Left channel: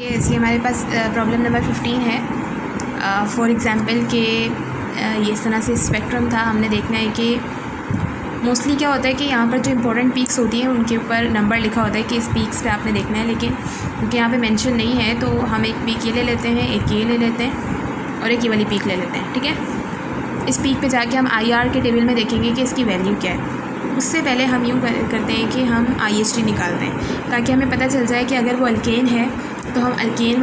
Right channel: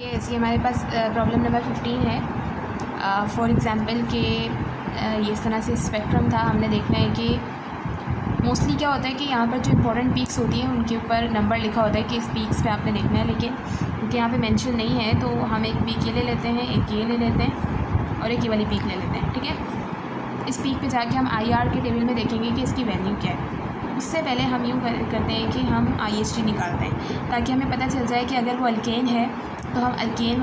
ये ऐसी हमारे पास प्रॉब्लम नंबर 15 है। फॉर एग्ज़ाम्पल कि ये इस तरह से स्पेक्ट्रम था। हमने देखना है कि मोस्टली क्या होता है कि यहाँ पर जो इंपॉर्टेंट पीक्स होती हैं उनके ऊपर नंबर लिखा होता है कि इस पीक्स पे आपने देखना है, लेकिन क्योंकि यहाँ पे मेंशन नहीं है तो हम एक पीक ये ले लेते हैं, एक ये ले लेते हैं और एक ये वाली पीक ले लेते हैं। ठीक है, इस पीक पे जाके हम IR के टेबल में देखेंगे कि इसकी वैल्यू क्या है। उससे पहले हम यूँ करते हैं कि हम IHT निकालते हैं ताकि हमें पता चल जाए कि अगर वो अल्केन है तो हम अल्केन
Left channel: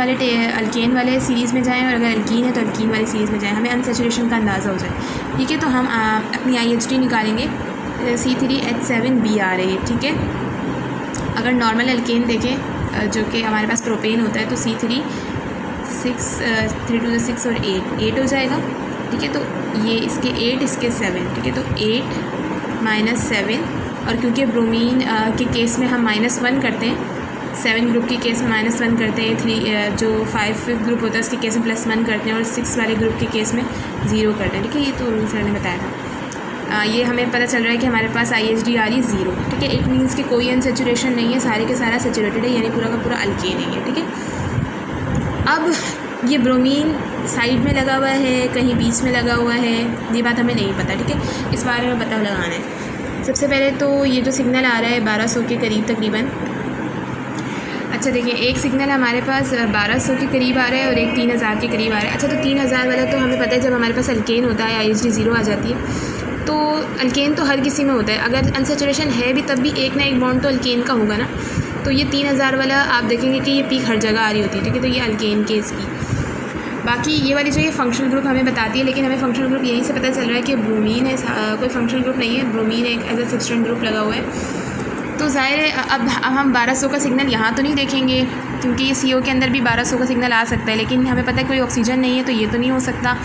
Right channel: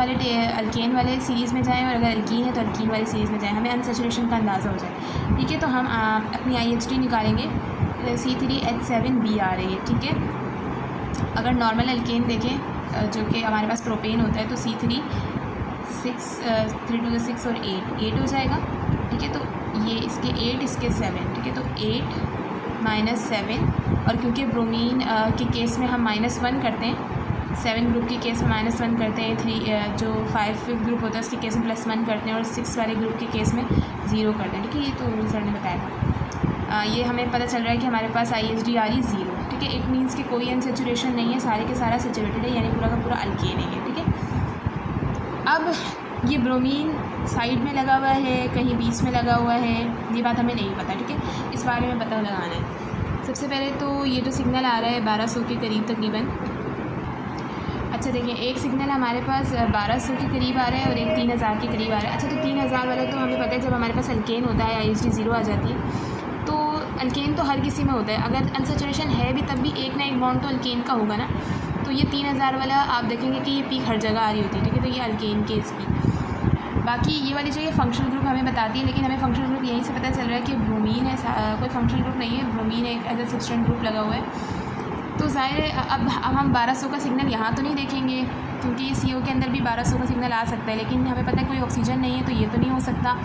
वाले सीरीज़ में जाएं और अगर अल्कीन है तो अल्कीन वाली सीरीज़ में जाएं, हमें अनसैचुरेशन का अंदाज़ा हो जाए। ठीक है, तो हम अपनी IHT निकालेंगे। C3H7B आ रही है। ठीक है, अगर नॉर्मल अल्केन देखें जो कि हमारे पास प्रोपेन होता है तो C3 6 3 2 6 और 8 हो जाएगा। ठीक है, तो ये इसके 8 इसके 7। ठीक है, तो 8 - 7 और क्योंकि ब्रोमीन के केस में हम -1 करते हैं, 7 ग्रुप के केस में -1 करते हैं, 3 जो 5 ग्रुप होता है उसके केस में +1 करते हैं और 6 वाले ग्रुप के केस में 0 करते हैं। ठीक है, ये तो सर ने बताया था। ये हमें पता चल रहा है कि हमारे पास IHD आ रही 0। ठीक है, इट मीन्स कि कोई अनसेचुरेशन नहीं है, सारे के सारा सेचुरेटेड है, यानी पूरा का पूरा अल्केन है। ठीक है, अब ये ब्रोमीन साइड में लगा हुआ है, कहीं बीच में लगा हुआ है, ये बात हमें नहीं पता। ठीक है, इस बारे में पता लगाना है। सबसे पहले तो ये जो सिग्नल आ रहा है 1200 के करीब तकरीबन। अच्छा देखिए, एक सिग्नल हमारे पास 1200 के करीब आ रहा है और एक 3000 के करीब आ रहा है। अच्छा, तो 3000 वाला तो हमें पता है जब हमारे पास अल्केन होता है IHD 0 आ जाती है। तो अल्केन तो हर किसी में होता है, अगर अनसेचुरेशन है भी तब भी एक ना एक बॉन्ड तो अल्केन का होगा ना। तो ये 3000 वाला आप देखेंगे कि ये पीक हर जगह आ रही होती है। ठीक है, तो ये अल्केन के इसकी। बाकी ये वाली जो ये फंक्शनल ग्रुप हमें बताती है, लेकिन हमें फंक्शनल ग्रुप यहीं से पता चल रहा है कि ब्रोमीन है, कोई फंक्शनल ग्रुप नहीं है, ब्रोमीन एक एज ए सब्सटेंट ग्रुप लगा हुआ है। तो ज़ाहिर है अब हम 1200 का सिग्नल यहाँ तो नहीं देखेंगे क्योंकि CO के अंदर भी 1200 का सिग्नल आ सकता है, लेकिन हमें पता है कोई ऑक्सीजन नहीं है तो ये तो नहीं हो सकता।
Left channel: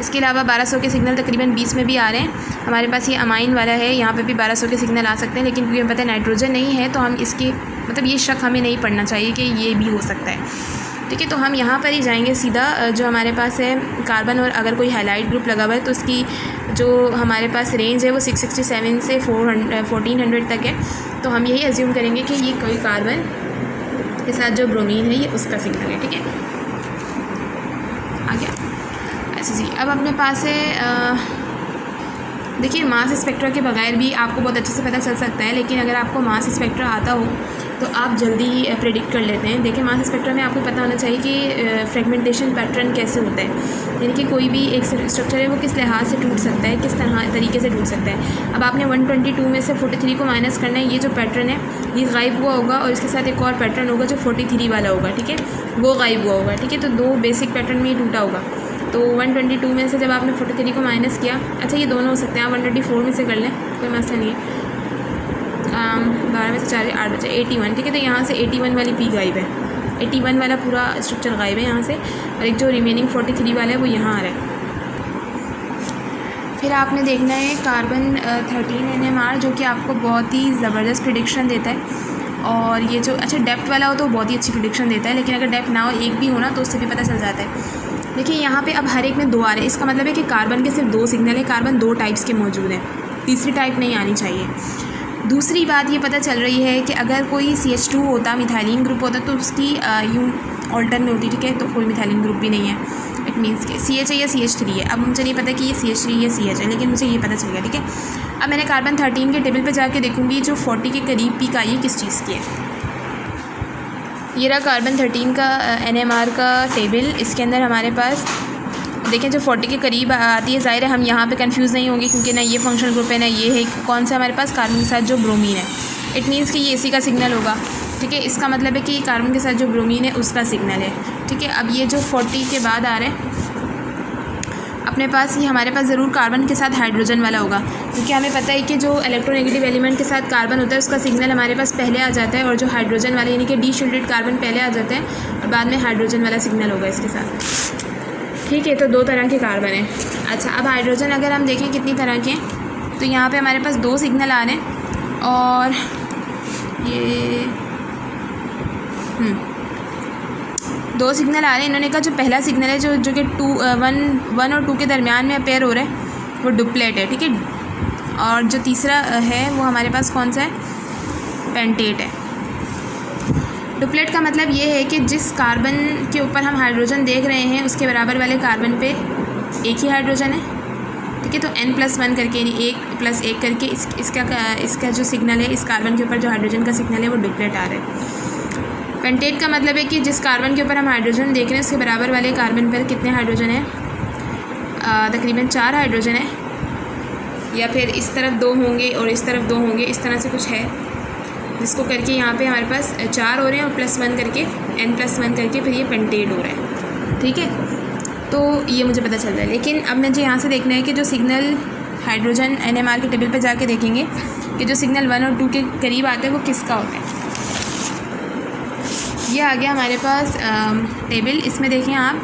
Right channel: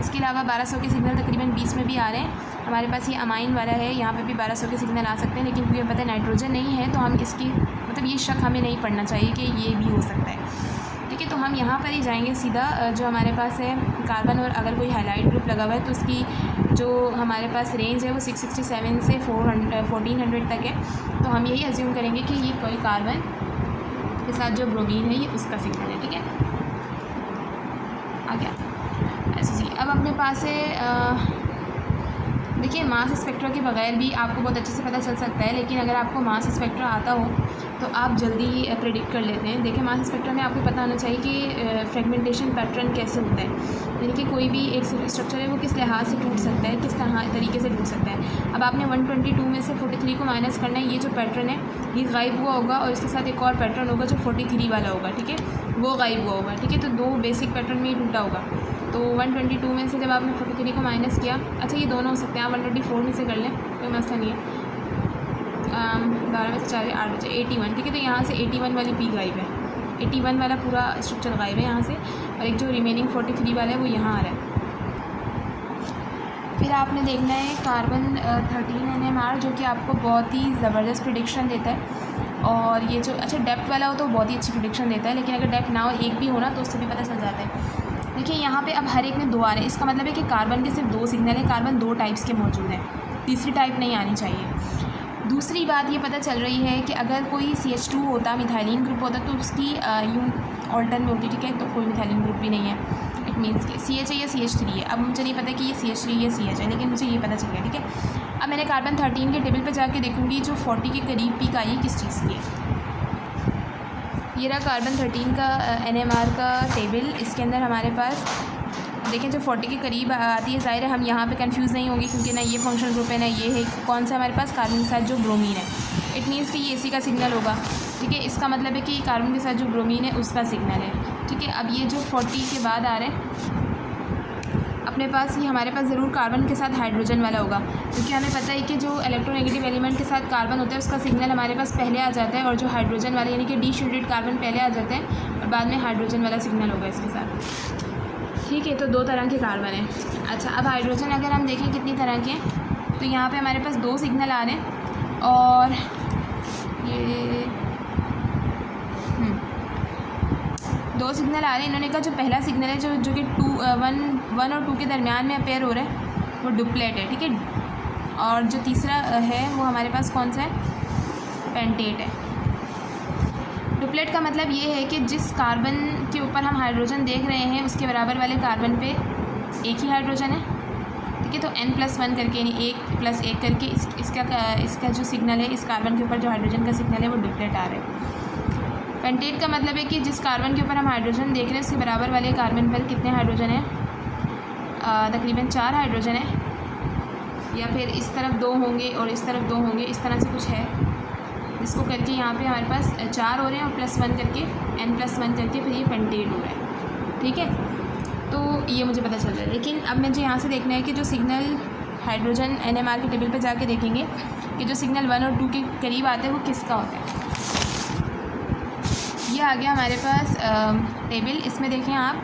इसके अलावा 1200 के सिग्नल तकरीबन 20 में भी आ रहे हैं। हमारे पास ये अमाइन वाला है, यहाँ पे भी 1200 के सिग्नल आ सकते हैं, लेकिन क्योंकि हमें पता है नाइट्रोजन नहीं है तो हम इसकी मतलब ये शक हमें नहीं पड़ना चाहिए कि ये भी हो सकता है। ठीक है, तो हम यहाँ पर ही जाएंगे सीधा। जो हमारे पास है कार्बन और अगर कोई हाइलाइट ग्रुप लगा हुआ है तो उसकी जो हमारे पास रेंज है वो 667 से 1400 तक है। तो हम यही अज्यूम करेंगे कि ये कोई कार्बन के साथ जो ब्रोमीन है ये उसका सिग्नल है। ठीक है, आ गया। अच्छा जी, अब अपने पास है देखिए मास स्पेक्ट्रा के बगैर भी आपको बहुत अच्छे से पता चल सकता है, लेकिन अगर आपको मास स्पेक्ट्रा आता हो तो आप जल्दी ही प्रेडिक्ट कर लेते हैं। देखिए मास स्पेक्ट्रा में आपको पता होना चाहिए कि फ्रेगमेंटेशन पैटर्न कैसे होता है, यानी कि कोई भी एक स्ट्रक्चर है वो किस लिहाज से टूट सकता है, किस तरीके से टूट सकता है। अब आपने 122 में से 43 को माइनस करना है, ये जो पैटर्न है ये गायब हुआ होगा और इसके साथ एक और पैटर्न होगा जो 43 वाला होगा। ठीक है, वो गायब हुआ होगा। ठीक है, तो 2 बेसिक पैटर्न में ही टूटा होगा। तो 122 में से जब आपने 43 को माइनस किया, अच्छा ये दोनों हो सकते हैं, आप 124 में से कर लें, कोई मसला नहीं है। 12 में से 4 8 बचे 81। ठीक है, तो यहाँ से 81 वाली पी गायब है, 81 वाला पूरा स्ट्रक्चर गायब है यहाँ से, और एक जो रिमेनिंग 43 वाला है वो यहाँ आ रहा है। फिर आपने देखना है कार्बन 13 NMR जो कि आपको बहुत ही ज़बरदस्त प्रिडिक्शन देता है। और ये जो अच्छा डेप्थ वाला हो तो बहुत ही अच्छी प्रिडिक्शन देता है, लेकिन अगर डेप्थ ना हो, एक भी हो ना, तो उससे भी पता चल जाता है। देखिए यहाँ पे अब हर एक में 2 आ रहे हैं, इसका मतलब है कि कार्बन के सिर्फ 2 सिग्नल है, कार्बन 2 टाइप्स के मौजूद हैं, तीसरी टाइप नहीं आनी चाहिए। दूसरी बात ये पता चल रही है कि अगर कोई CH2 होता, मिथाइलिन ग्रुप होता, तो उसकी यूँ ऑल्टर में होती। ठीक है, तो कोई मिथाइलिन ग्रुप भी नहीं है, इट मीन्स कि CH है या CH3 है। अब मुझे नहीं पता कि ये CH3 या CH है, लेकिन मुझे ये पता चल गया। ठीक है, अब मैंने कार्बन 13 के टेबल पे जाके देखूँगी जो 40 के करीब पीक आई है किस चीज़ की है। ये रहा कार्बन 13 का NMR का टेबल। इसके अंदर हमारे पास देखें जो 40 के करीब आती है, ज़ाहिर है हम यहाँ पे कंफ्यूज नहीं होंगे क्योंकि ना ये फंक्शनल ग्रुप है ना ये है, कौन सा हमारे पास कार्बन के साथ जो ब्रोमीन है, इट मीन्स कि ये इसी का सिग्नल होगा। ठीक है, इसका मतलब है कि कार्बन के साथ जो ब्रोमीन है उसका सिग्नल है। ठीक है, अब ये जो 40 के बाद आ रहा है अपने पास, ये हमारे पास ज़रूर कार्बन के साथ हाइड्रोजन वाला होगा, क्योंकि हमें पता है कि जो इलेक्ट्रोनेगेटिव एलिमेंट के साथ कार्बन होता है उसका सिग्नल हमारे पास पहले आ जाता है, और जो हाइड्रोजन वाला यानी कि डीशिल्डेड कार्बन पहले आ जाता है और बाद में हाइड्रोजन वाला सिग्नल होगा इसके साथ। ठीक है, तो 2 तरह के कार्बन हैं। अच्छा, अब हाइड्रोजन अगर हम देखें कितनी तरह के हैं, तो यहाँ पे हमारे पास 2 सिग्नल आ रहे हैं, और ये 2 सिग्नल आ रहे हैं। इन्होंने कहा जो पहला सिग्नल है जो कि 1 और 2 के दरमियान में अपेयर हो रहा है वो डुप्लेट है। ठीक है, और जो तीसरा है वो हमारे पास कौन सा है, पेंटेट है। डुप्लेट का मतलब ये है कि जिस कार्बन के ऊपर हम हाइड्रोजन देख रहे हैं उसके बराबर वाले कार्बन पे एक ही हाइड्रोजन है, ठीक है। तो n+1 करके यानी 1+1 करके इसका जो सिग्नल है, इस कार्बन के ऊपर जो हाइड्रोजन का सिग्नल है वो डुप्लेट आ रहा है। पेंटेट का मतलब है कि जिस कार्बन के ऊपर हम हाइड्रोजन देख रहे हैं उसके बराबर वाले कार्बन पर कितने हाइड्रोजन हैं, तकरीबन 4 हाइड्रोजन है, या फिर इस तरफ 2 होंगे और इस तरफ 2 होंगे, इस तरह से कुछ है, जिसको करके यहाँ पे हमारे पास 4 हो रहे हैं और +1 करके n+1 करके फिर ये पेंटेट हो रहा है, ठीक है। तो ये मुझे पता चल रहा है। लेकिन अब मुझे यहाँ से देखना है कि जो सिग्नल हाइड्रोजन NMR के टेबल पे जाके देखेंगे कि जो सिग्नल 1 और 2 के करीब आता है वो किसका होता है। ये आ गया हमारे पास टेबल। इसमें देखें आप,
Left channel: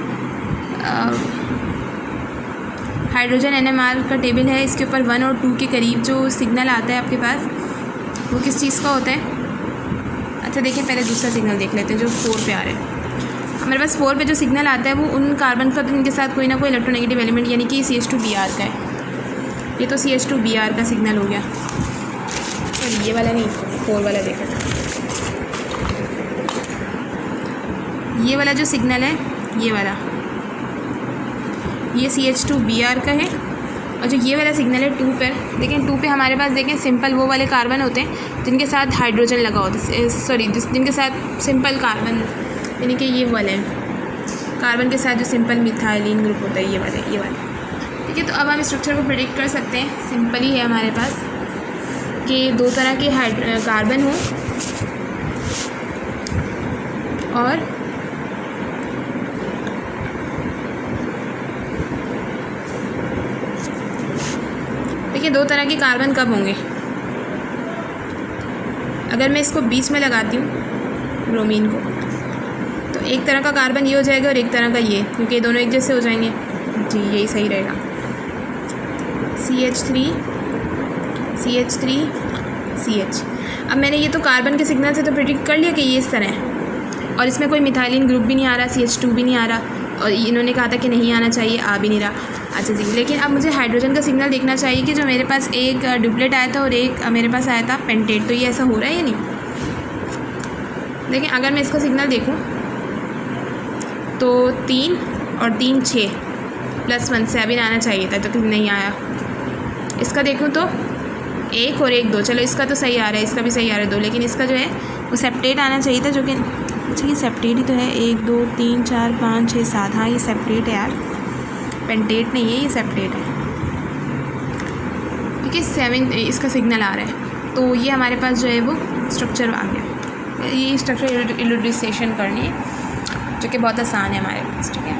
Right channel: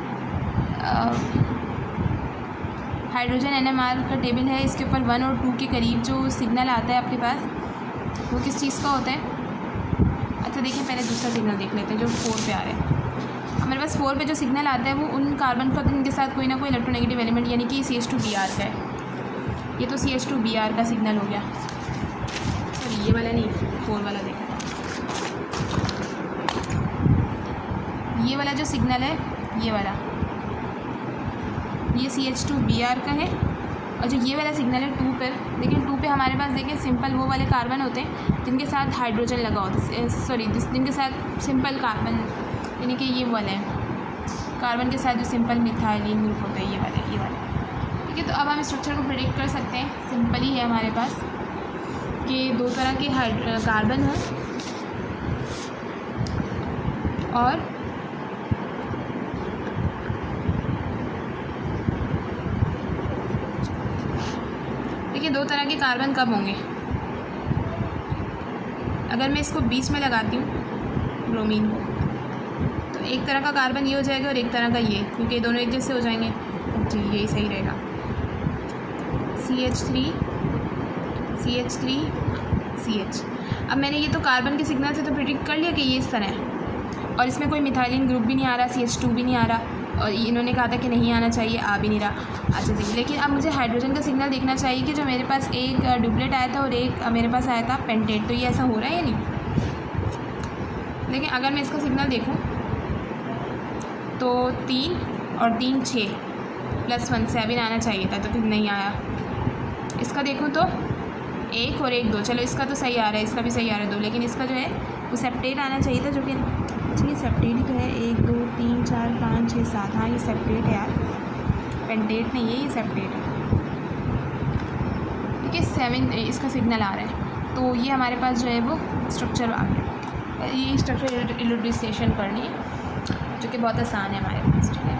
हाइड्रोजन NMR का टेबल है, इसके ऊपर 1 और 2 के करीब जो सिग्नल आता है आपके पास वो किस चीज़ का होता है। अच्छा देखिए, पहले दूसरा सिग्नल देख लेते हैं जो 4 पे आ रहा है। हमारे पास 4 पे जो सिग्नल आता है वो उन कार्बन का जिनके साथ कोई ना कोई इलेक्ट्रोनेगेटिव एलिमेंट यानी कि CH2Br का है। ये तो CH2Br का सिग्नल हो गया। ये वाला नहीं, 4 वाला देखा था। ये वाला जो सिग्नल है, ये वाला, ये CH2Br का है। और जो ये वाला सिग्नल है 2 पर, लेकिन 2 पे हमारे पास देखें सिंपल वो वाले कार्बन होते हैं जिनके साथ हाइड्रोजन लगा होता है, सॉरी जिनके साथ सिंपल कार्बन यानी कि ये वाला है कार्बन के साथ जो सिंपल मिथाइलिन ग्रुप होता है, ये वाला, ठीक है। तो अब हम स्ट्रक्चर को प्रेडिक्ट कर सकते हैं। सिंपल ही है हमारे पास कि 2 तरह के कार्बन हो और देखिए 2 तरह के कार्बन कब होंगे। अगर मैं इसको बीच में लगाती हूँ ब्रोमीन को, तो एक तरह का कार्बन ये हो जाएगा और एक तरह का ये, क्योंकि दोनों एक जैसे हो जाएंगे। जी यही सही रहेगा। CH3 अब मैंने ये तो कार्बन के सिग्नल से तो प्रेडिक्ट कर लिया कि ये इस तरह है, और इसमें कोई मिथाइलिन ग्रुप भी नहीं आ रहा, CH2 भी नहीं आ रहा, और इन्होंने कहा था कि नहीं आना चाहिए, आ भी नहीं रहा। अच्छा जी, लेकिन अब मुझे हाइड्रोजन का सिग्नल देखना चाहिए कि जो मेरे पास एक डुप्लेट आया था और एक मेरे पास आया था पेंटेट, तो ये ऐसा हो रहा है या नहीं। लेकिन अगर मैं इसका सिग्नल देखूं तो 3 और 3 6 +1 7 आना चाहिए था, तो नहीं आया। इसका देखूं तो 1 और 1 2, चलो इसका तो सही आ रहा है, इसका भी सही आ रहा है 2, लेकिन इसका जो है वो सेप्टेट आना चाहिए था, जो कि अच्छा ये सेप्टेट ही तो है। 1 2 3 4 5 6 7, हाँ ये सेप्टेट है यार, पेंटेट नहीं है, ये सेप्टेट है, ठीक है। 7 इसका सिग्नल आ रहा है। तो ये हमारे पास जो है वो स्ट्रक्चर आ गया। ये स्ट्रक्चर इलुस्ट्रेशन करनी है जो कि बहुत आसान है हमारे पास, ठीक है।